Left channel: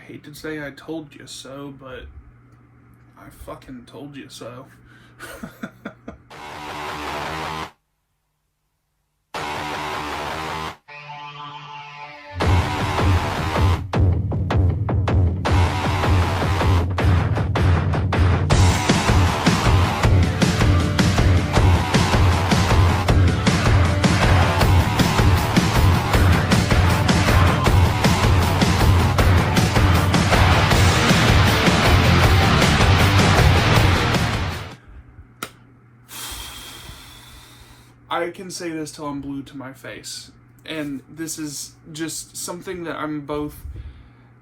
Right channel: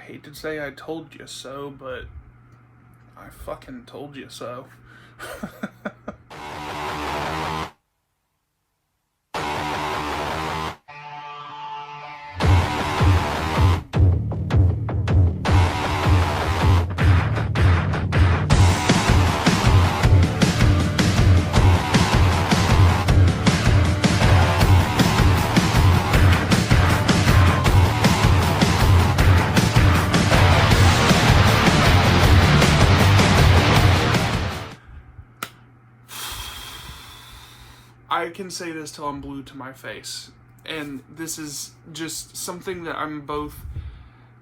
I hate to say I told you so, but I fucking told you so. I can say this till I'm blue to my face. And this is just something that I'm both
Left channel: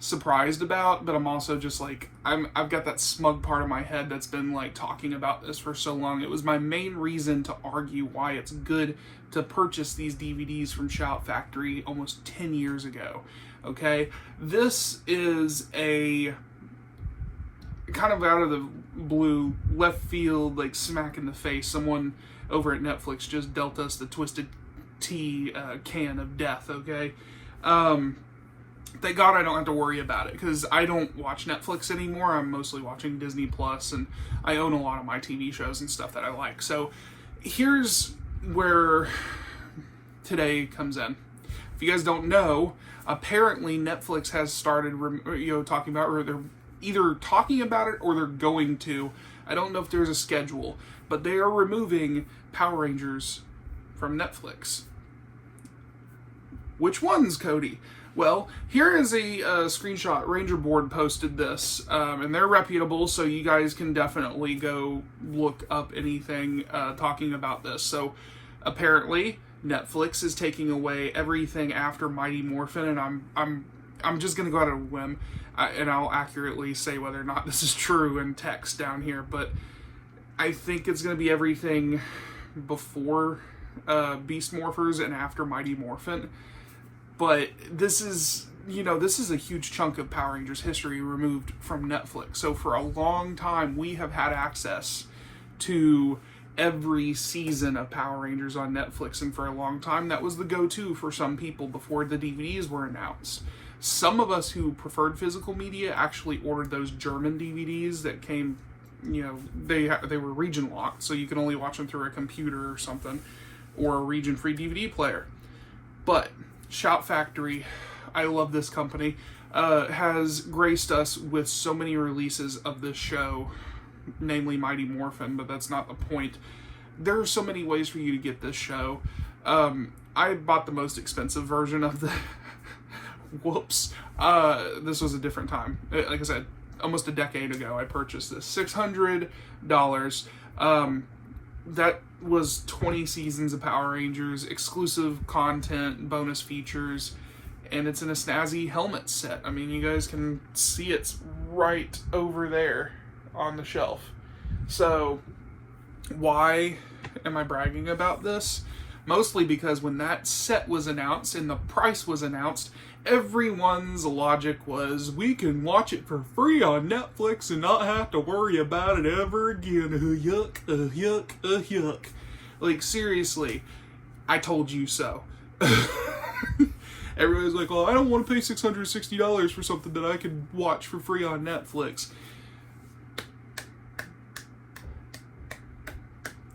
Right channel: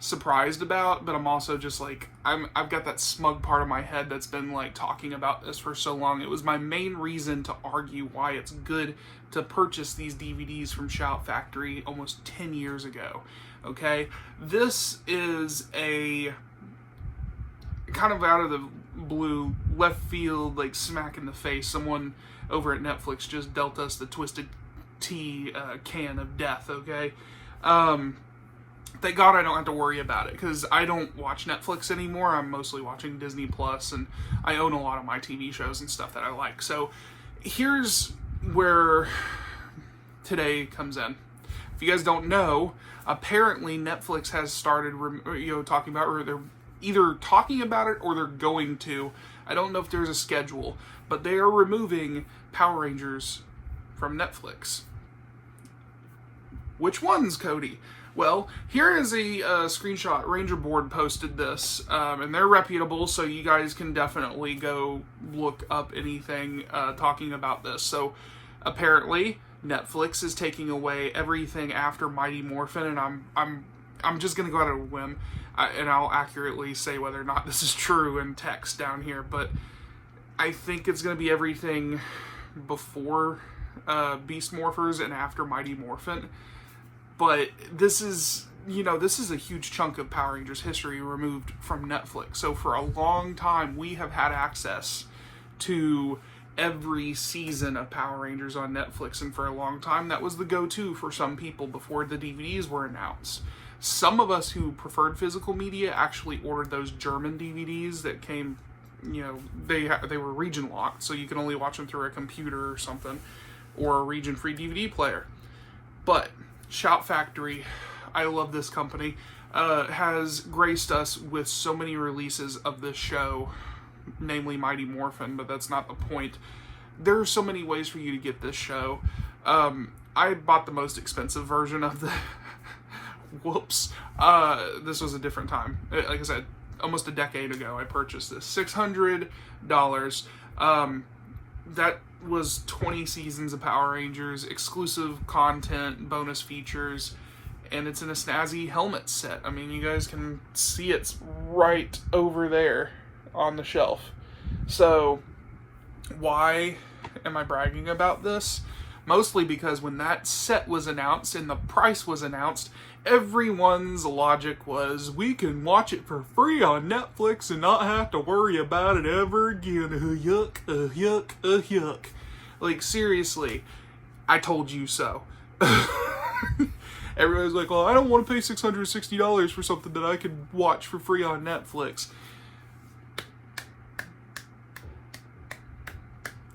surprised about, but I'm also just like, I've got that smug part of my head that's been like talking about this for so long. It was my main reason to argue why it's good to purchase these DVDs from Shout Factory almost 10 years ago. Okay? This is a kind of out of the blue, left field, like smack in the face. Someone over at Netflix just dealt us the Twisted Tea can of death, okay? Thank God I don't have to worry about it, because I don't watch Netflix anymore. I'm mostly watching Disney Plus, and I own a lot of my TV shows and stuff that I like. So here's where today comes in. If you guys don't know, apparently Netflix has started, talking about, or they're either talking about it or they're going to. I don't know if there's a schedule, but they are removing Power Rangers from Netflix. Which ones, Cody? Well, here is a screenshot. Ranger Board posted this, and they're reputable, so you guys can definitely go look up anything talking about this. So, apparently, Netflix is taking away everything after Mighty Morphin, and I'm just gonna go out on a whim, and I'll accurately say whether or not this is true in text down here, but I think it's gonna be everything before Beast Morphers and after Mighty Morphin. But this is a huge chunk of Power Rangers history removed from Netflix. So for a long time, we have had access to every season of Power Rangers on Netflix. And for a long time, that was the go-to for some people before the DVDs were announced. Some of us who preferred physical media actually ordered those German DVDs that came, they were region locked, so you can only watch them through a computer or something, or a region-free DVD player. But Shout Factory, I love this company, has graced us with so many releases of this show, namely Mighty Morphin, but that's not the point. There are so many ways for you to get this show. I bought the most expensive version of the... Whoops. This was a different time. Like I said, almost a decade ago, I purchased this. $600. That was 20 seasons of Power Rangers, exclusive content, bonus features, and it's in a snazzy helmet set. I mean, you guys can see it's right over there on the shelf. So, why am I bragging about this? Mostly because when that set was announced and the price was announced, everyone's logic was, we can watch it for free on Netflix and not have to worry about it ever again. Yuck, yuck, yuck. Like, seriously, I told you so. Everybody's like, well, I don't want to pay $660 for something that I could watch for free on Netflix.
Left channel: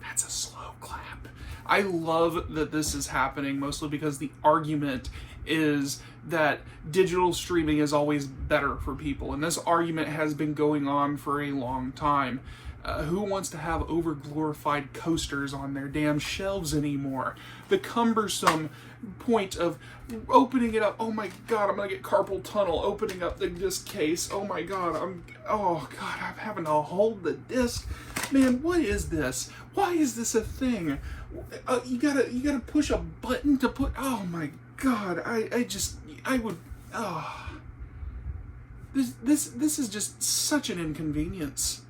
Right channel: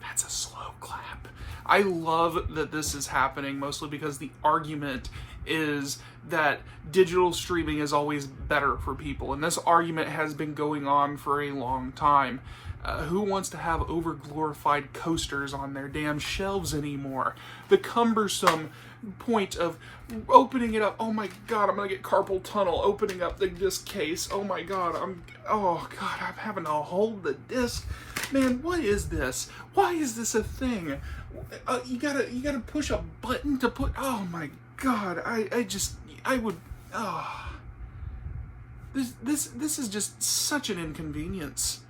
That's a slow clap. I love that this is happening, mostly because the argument is that digital streaming is always better for people, and this argument has been going on for a long time. Who wants to have over-glorified coasters on their damn shelves anymore? The cumbersome point of opening it up. Oh my god, I'm gonna get carpal tunnel opening up the disc case. Oh my god, I'm having to hold the disc. Man, what is this? Why is this a thing? You gotta push a button to put. Oh my god, This is just such an inconvenience.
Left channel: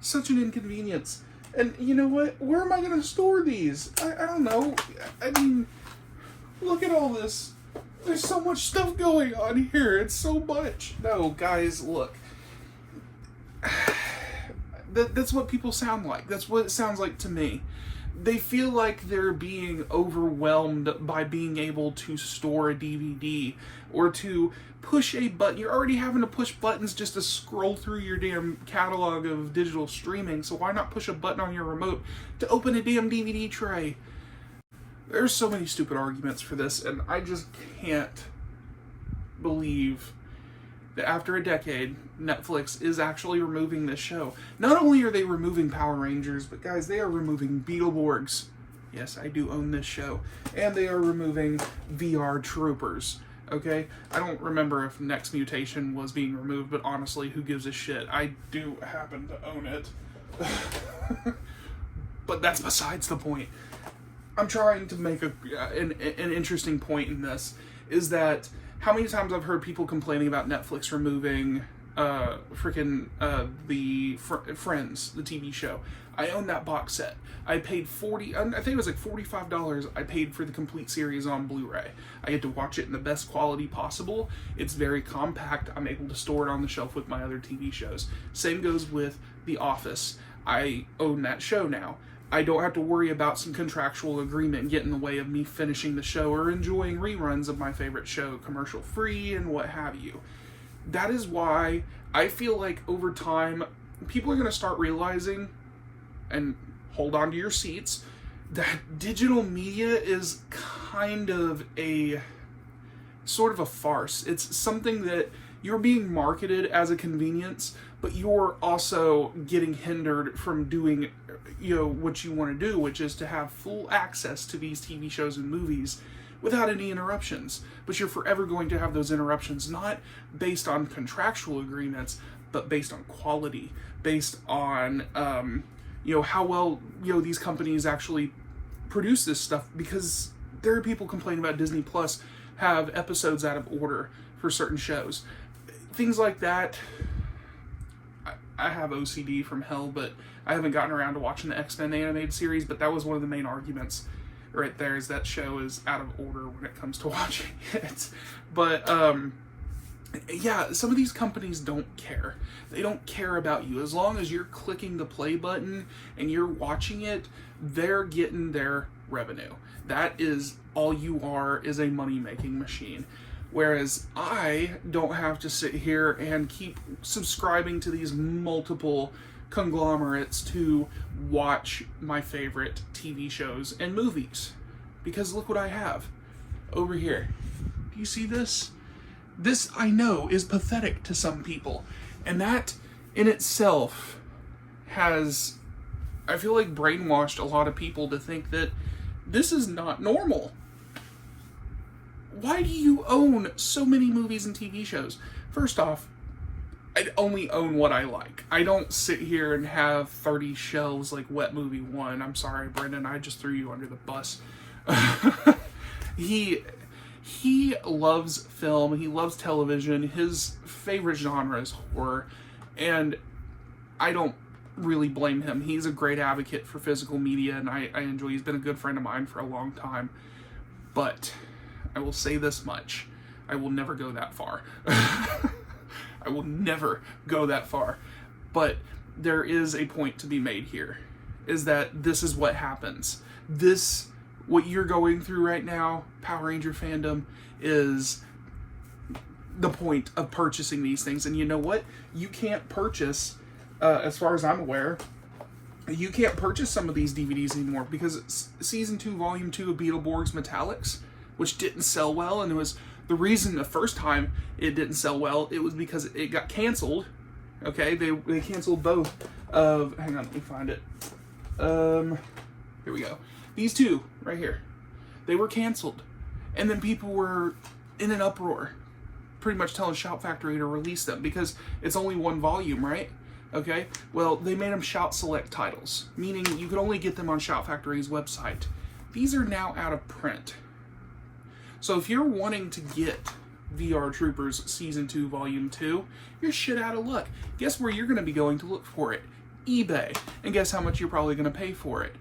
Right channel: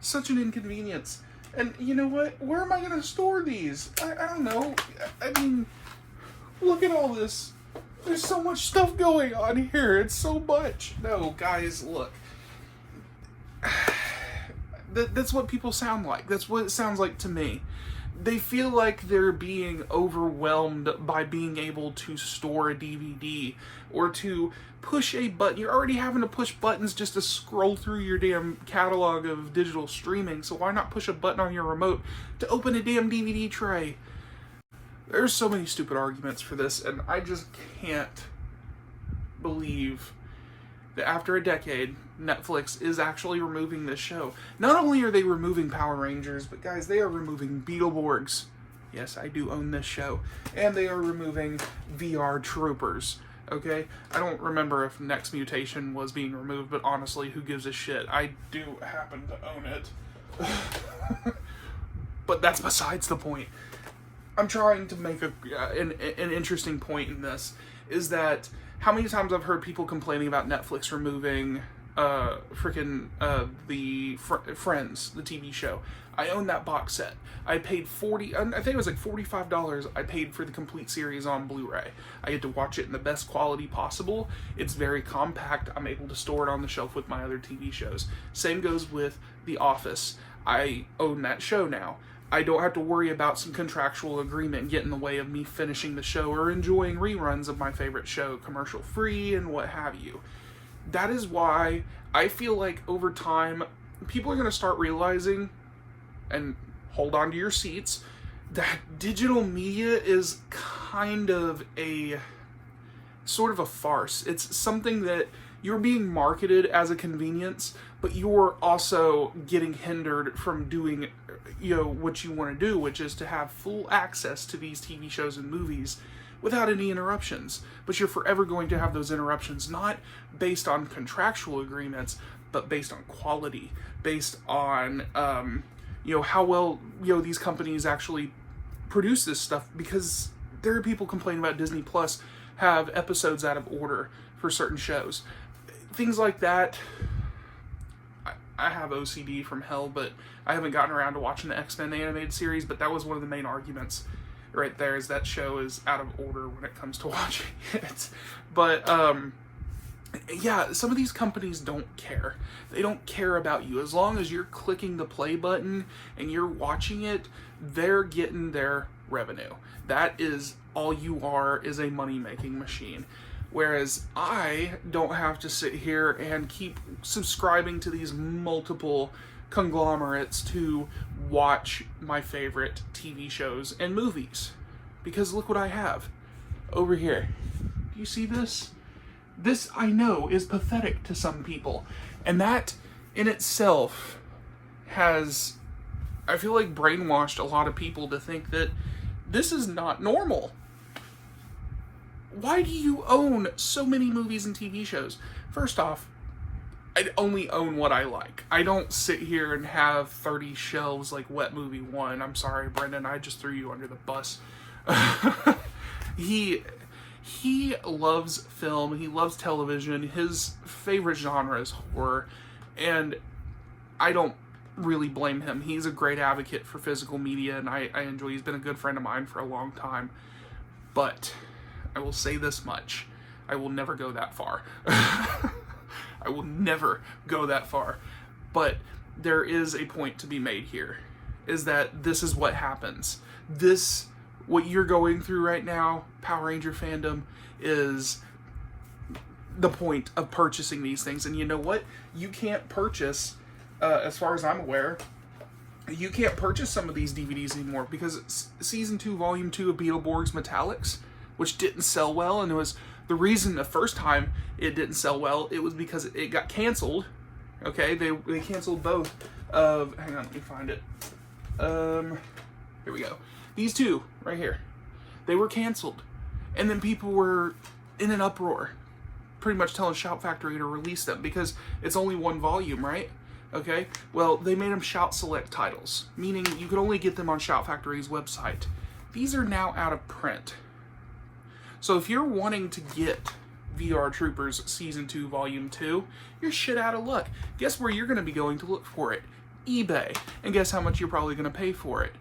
Such an inconvenience. And you know what? Where am I going to store these? I don't know. I mean, look at all this. There's so much stuff going on here. It's so much. No, guys, look. That's what people sound like. That's what it sounds like to me. they feel like they're being overwhelmed by being able to store a DVD or to push a button. You're already having to push buttons just to scroll through your damn catalog of digital streaming, so why not push a button on your remote to open a damn DVD tray? There's so many stupid arguments for this, and I just can't believe that after a decade, Netflix is actually removing this show. Not only are they removing Power Rangers, but guys, they are removing Beetleborgs. Yes, I do own this show. And they are removing VR Troopers. Okay? I don't remember if Next Mutation was being removed, but honestly, who gives a shit? I do happen to own it. But that's besides the point. I'm trying to make an interesting point in this, is that how many times I've heard people complaining about Netflix removing the Friends, the TV show. I own that box set. I paid I think it was like $45 I paid for the complete series on Blu-ray. I get to watch it in the best quality possible. It's very compact. I'm able to store it on the shelf with my other TV shows. Same goes with The Office. I own that show now. I don't have to worry about some contractual agreement get in the way of me finishing the show or enjoying reruns of my favorite show, commercial free and what have you. That is why I feel like over time, people are going to start realizing, and hold on to your seats, that digital media is kind of a sort of a farce. It's something that you're being marketed as a convenience, but you're also getting hindered from doing, what you want to do, which is to have full access to these TV shows and movies without any interruptions. But you're forever going to have those interruptions, not based on contractual agreements, but based on quality, based on, how well, these companies actually produce this stuff, because there are people complaining about Disney Plus have episodes out of order for certain shows. Things like that. I have OCD from hell, but I haven't gotten around to watching the X-Men animated series, but that was one of the main arguments right there, is that show is out of order when it comes to watching it. But, yeah, some of these companies don't care. They don't care about you. As long as you're clicking the play button and you're watching it, they're getting their revenue. That is all you are, is a money-making machine. Whereas I don't have to sit here and keep subscribing to these multiple conglomerates to watch my favorite TV shows and movies. Because look what I have over here. Do you see this? This, I know, is pathetic to some people. And that in itself has, I feel like, brainwashed a lot of people to think that this is not normal. Why do you own so many movies and TV shows? First off, I only own what I like. I don't sit here and have 30 shelves like Wet Movie 1. I'm sorry, Brendan, I just threw you under the bus. He loves film, he loves television, his favorite genre is horror, and I don't really blame him. He's a great advocate for physical media, and I enjoy, he's been a good friend of mine for a long time. But I will say this much, I will never go that far. I will never go that far. But there is a point to be made here, is that this is what happens. What you're going through right now, Power Ranger fandom, is the point of purchasing these things. And you know what? You can't purchase, as far as I'm aware, you can't purchase some of these DVDs anymore, because it's Season 2, Volume 2 of Beetleborgs Metallics, which didn't sell well, and it was the reason the first time it didn't sell well, it was because it got canceled. Okay, they canceled both of, hang on, let me find it. Here we go. These two, right here. They were canceled. And then people were in an uproar, pretty much telling Shout Factory to release them, because it's only one volume, right? Okay, well, they made them Shout Select titles, meaning you could only get them on Shout Factory's website. These are now out of print. So if you're wanting to get VR Troopers Season 2, Volume 2, you're shit out of luck. Guess where you're going to be going to look for it? eBay. And guess how much you're probably going to pay for it?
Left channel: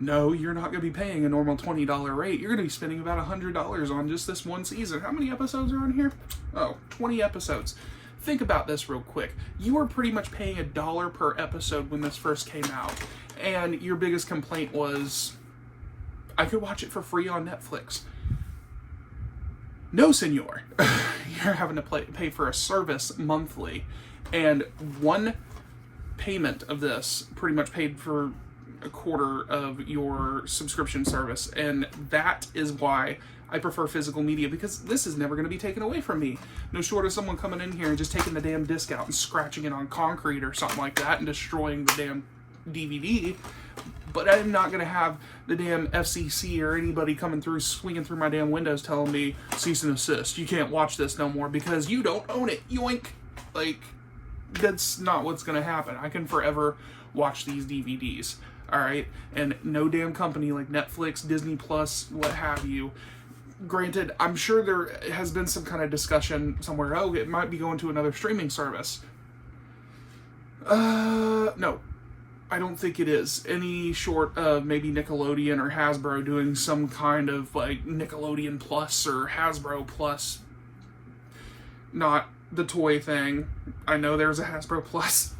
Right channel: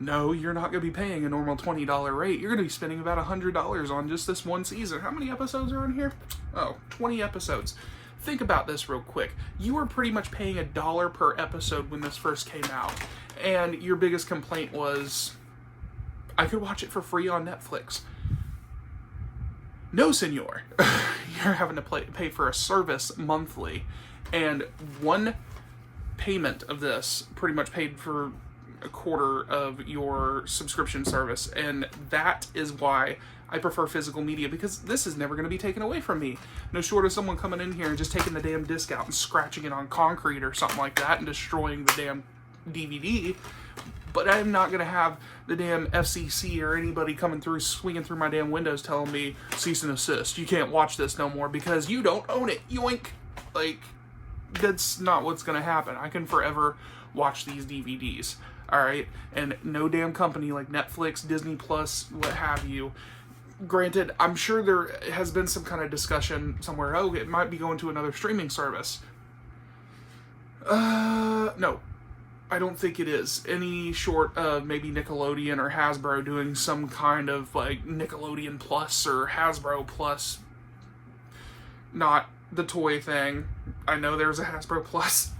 No, you're not going to be paying a normal $20 rate. You're going to be spending about $100 on just this one season. How many episodes are on here? Oh, 20 episodes. Think about this real quick. You were pretty much paying $1 per episode when this first came out. and your biggest complaint was, I could watch it for free on Netflix. No, senor. You're having to pay for a service monthly, and one payment of this pretty much paid for a quarter of your subscription service, and that is why I prefer physical media, because this is never going to be taken away from me. No short of someone coming in here and just taking the damn disc out and scratching it on concrete or something like that and destroying the damn DVD. But I'm not going to have the damn FCC or anybody coming through, swinging through my damn windows telling me, cease and desist, you can't watch this no more because you don't own it, yoink. Like, that's not what's going to happen. I can forever watch these DVDs, alright? And no damn company like Netflix, Disney Plus, what have you. Granted, I'm sure there has been some kind of discussion somewhere, oh, it might be going to another streaming service. No. I don't think it is. Any short of maybe Nickelodeon or Hasbro doing some kind of like Nickelodeon Plus or Hasbro Plus. Not the toy thing. I know there's a Hasbro Plus.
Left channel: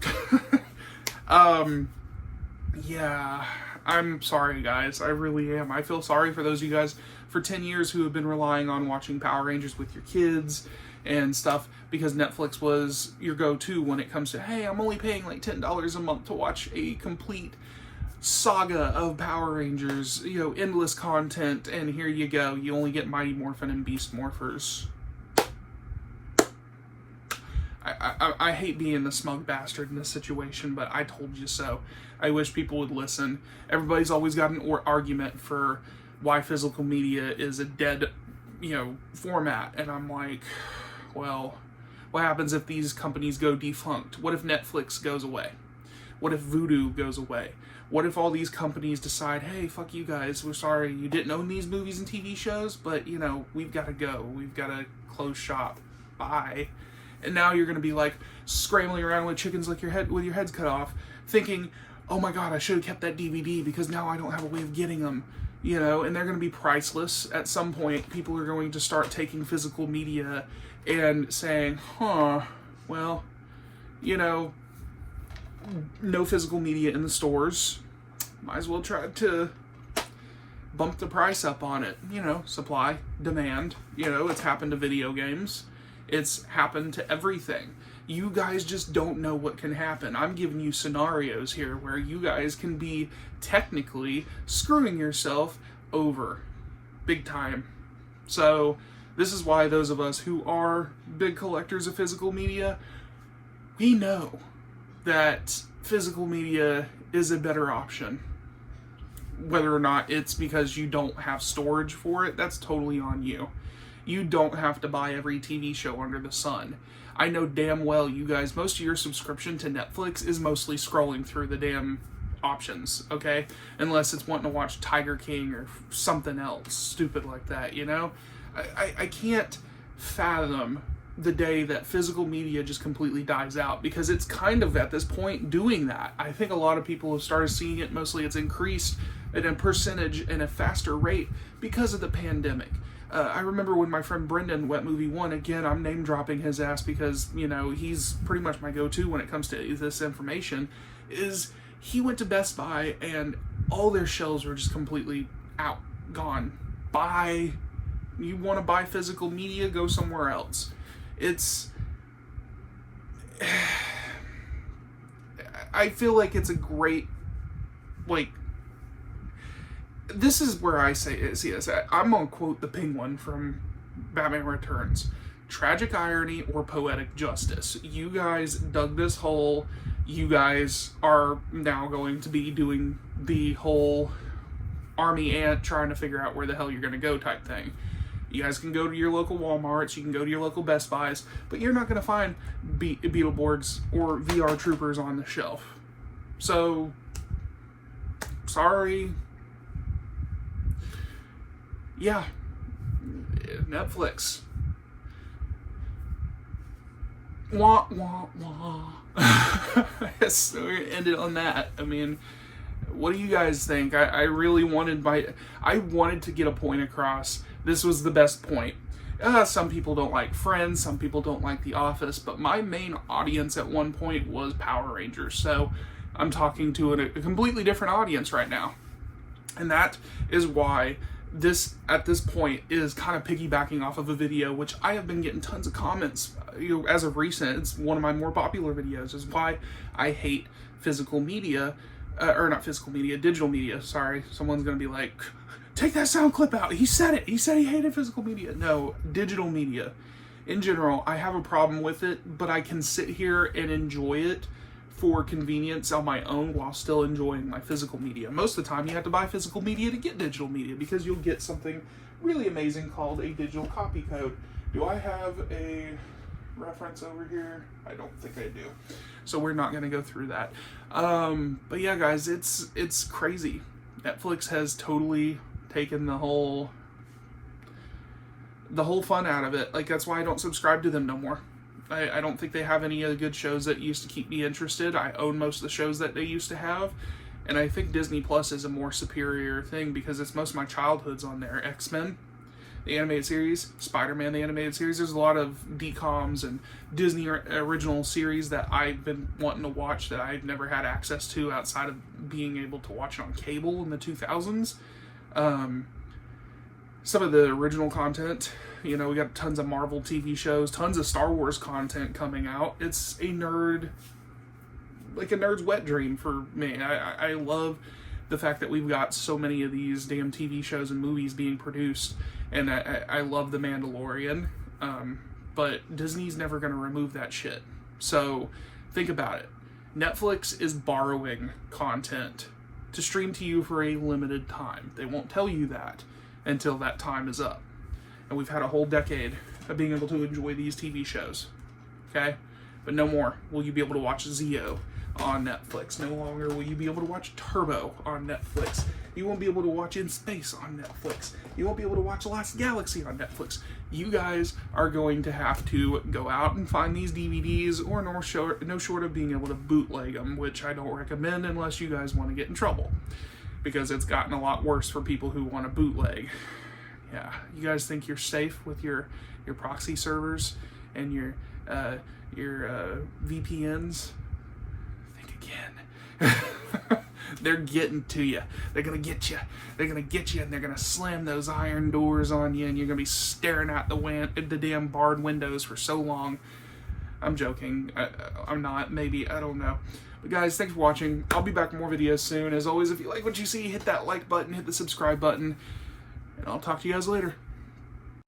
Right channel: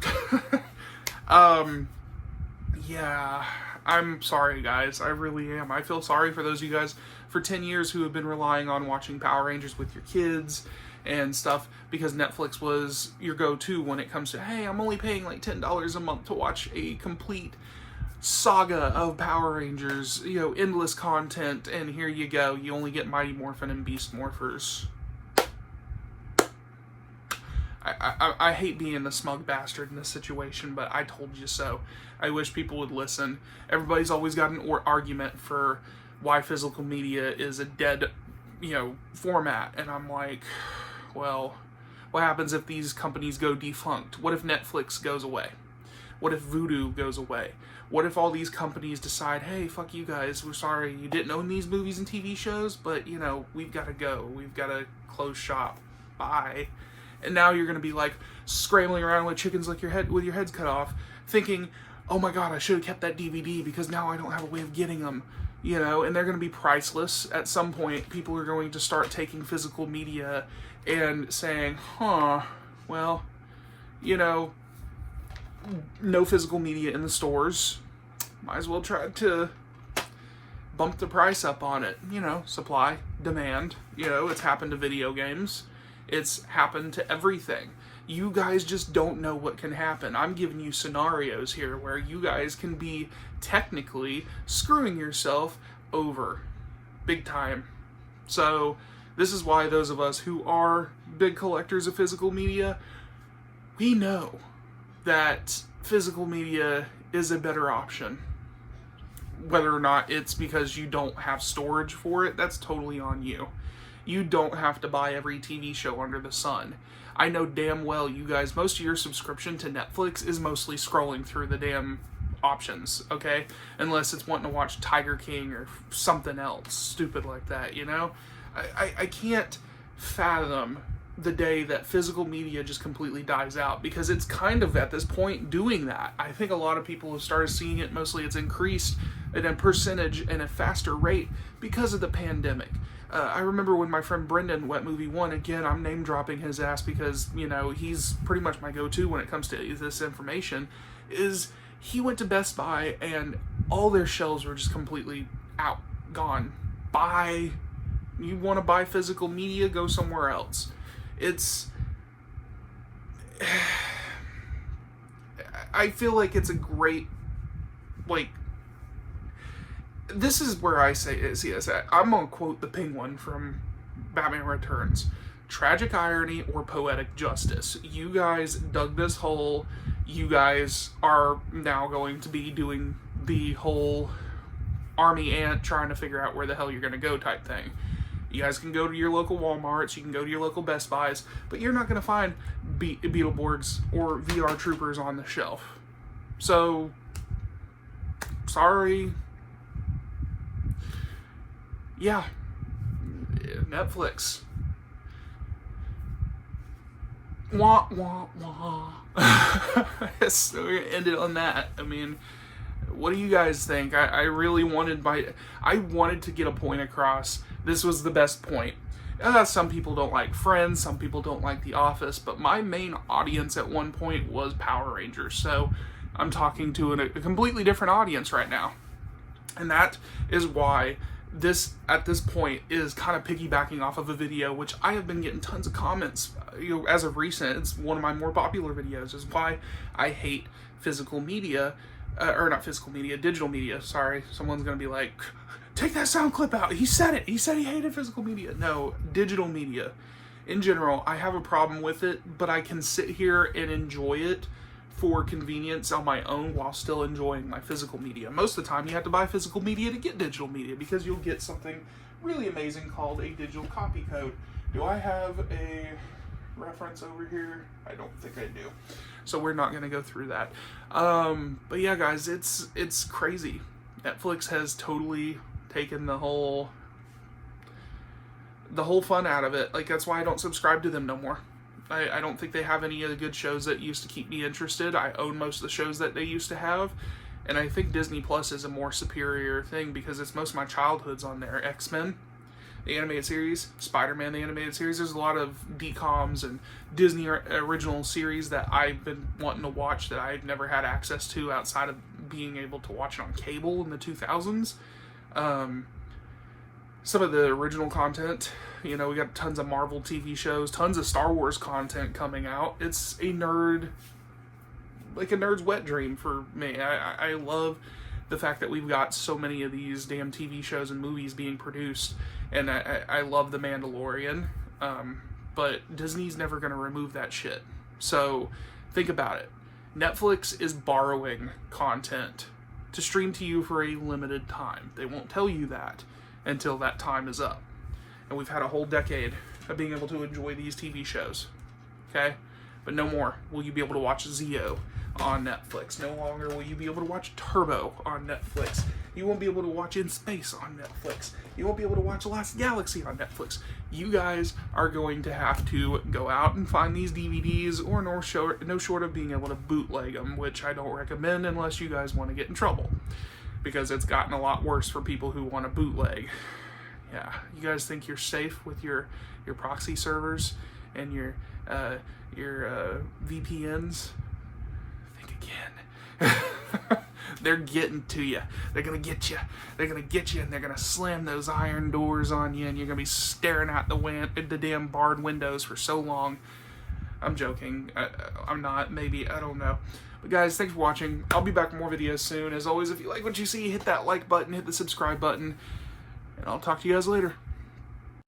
Yeah, I'm sorry guys. I really am. I feel sorry for those of you guys for 10 years who have been relying on watching Power Rangers with your kids and stuff, because Netflix was your go-to when it comes to, hey, I'm only paying like $10 a month to watch a complete saga of Power Rangers, you know, endless content, and here you go, you only get Mighty Morphin and Beast Morphers. I hate being the smug bastard in this situation, but I told you so. I wish people would listen. Everybody's always got an argument for why physical media is a dead, you know, format, and I'm like, well, what happens if these companies go defunct? What if Netflix goes away? What if Vudu goes away? What if all these companies decide, hey, fuck you guys, we're sorry, you didn't own these movies and TV shows, but, you know, we've got to go. We've got to close shop. Bye. And now you're going to be, like, scrambling around with chickens like with your heads cut off, thinking, oh my god, I should have kept that DVD because now I don't have a way of getting them. You know, and they're going to be priceless. At some point, people are going to start taking physical media and saying, well, you know, no physical media in the stores. Might as well try to bump the price up on it. You know, supply, demand. You know, it's happened to video games. It's happened to everything. You guys just don't know what can happen. I'm giving you scenarios here where you guys can be technically screwing yourself over big time. So this is why those of us who are big collectors of physical media, we know that physical media is a better option. Whether or not it's because you don't have storage for it, that's totally on you. You don't have to buy every TV show under the sun. I know damn well you guys, most of your subscription to Netflix is mostly scrolling through the damn options, okay? Unless it's wanting to watch Tiger King or something else stupid like that, you know? I can't fathom the day that physical media just completely dies out, because it's kind of at this point doing that. I think a lot of people have started seeing it. Mostly it's increased at a percentage and a faster rate because of the pandemic. I remember when my friend Brendan, Wet Movie 1, again, I'm name dropping his ass because, you know, he's pretty much my go-to when it comes to this information, is he went to Best Buy and all their shelves were just completely out, gone. You want to buy physical media, go somewhere else. I feel like it's a great, like, this is where I say see this at. I'm going to quote the Penguin from Batman Returns. Tragic irony or poetic justice. You guys dug this hole. You guys are now going to be doing the whole army ant trying to figure out where the hell you're going to go type thing. You guys can go to your local Walmarts, you can go to your local Best Buys, but you're not going to find Beetleborgs or VR Troopers on the shelf. So, sorry. Yeah, Netflix. Wah, wah, wah. So we're going to end it on that. I mean, what do you guys think? I really wanted to get a point across. This was the best point. Some people don't like Friends, some people don't like The Office, but my main audience at one point was Power Rangers. So I'm talking to a completely different audience right now. And that is why this, at this point, is kind of piggybacking off of a video which I have been getting tons of comments, as of recent. It's one of my more popular videos, is why I hate physical media, or not physical media, digital media, sorry. Someone's gonna be like, take that sound clip out, he said it, he said he hated physical media. No, digital media. In general, I have a problem with it, but I can sit here and enjoy it for convenience on my own while still enjoying my physical media. Most of the time you have to buy physical media to get digital media, because you'll get something really amazing called a digital copy code. Do I have a reference over here? I don't think I do. So we're not gonna go through that. But yeah, guys, it's crazy. Netflix has totally taken the whole fun out of it. Like, that's why I don't subscribe to them no more. I don't think they have any of the good shows that used to keep me interested. I own most of the shows that they used to have, and I think Disney Plus is a more superior thing because it's most of my childhood's on there. X-Men, the animated series, Spider-Man, the animated series. There's a lot of DComs and Disney original series that I've been wanting to watch that I've never had access to outside of being able to watch it on cable in the 2000s. Some of the original content, you know, we got tons of Marvel TV shows, tons of Star Wars content coming out. It's a nerd's wet dream for me. I love the fact that we've got so many of these damn TV shows and movies being produced, and I love The Mandalorian, but Disney's never going to remove that shit. So think about it. Netflix is borrowing content to stream to you for a limited time. They won't tell you that until that time is up. And we've had a whole decade of being able to enjoy these TV shows, okay? But no more will you be able to watch Zeo on Netflix. No longer will you be able to watch Turbo on Netflix. You won't be able to watch In Space on Netflix. You won't be able to watch Last Galaxy on Netflix. You guys are going to have to go out and find these DVDs, or no short of being able to bootleg them, which I don't recommend unless you guys want to get in trouble, because it's gotten a lot worse for people who want to bootleg. Yeah, you guys think you're safe with your proxy servers and your VPNs? Think again. They're getting to you. They're gonna get you. They're gonna get you, and they're gonna slam those iron doors on you, and you're gonna be staring at the damn barred windows for so long. I'm joking. I'm not. Maybe. I don't know. But guys, thanks for watching. I'll be back with more videos soon. As always, if you like what you see, hit that like button, hit the subscribe button, and I'll talk to you guys later.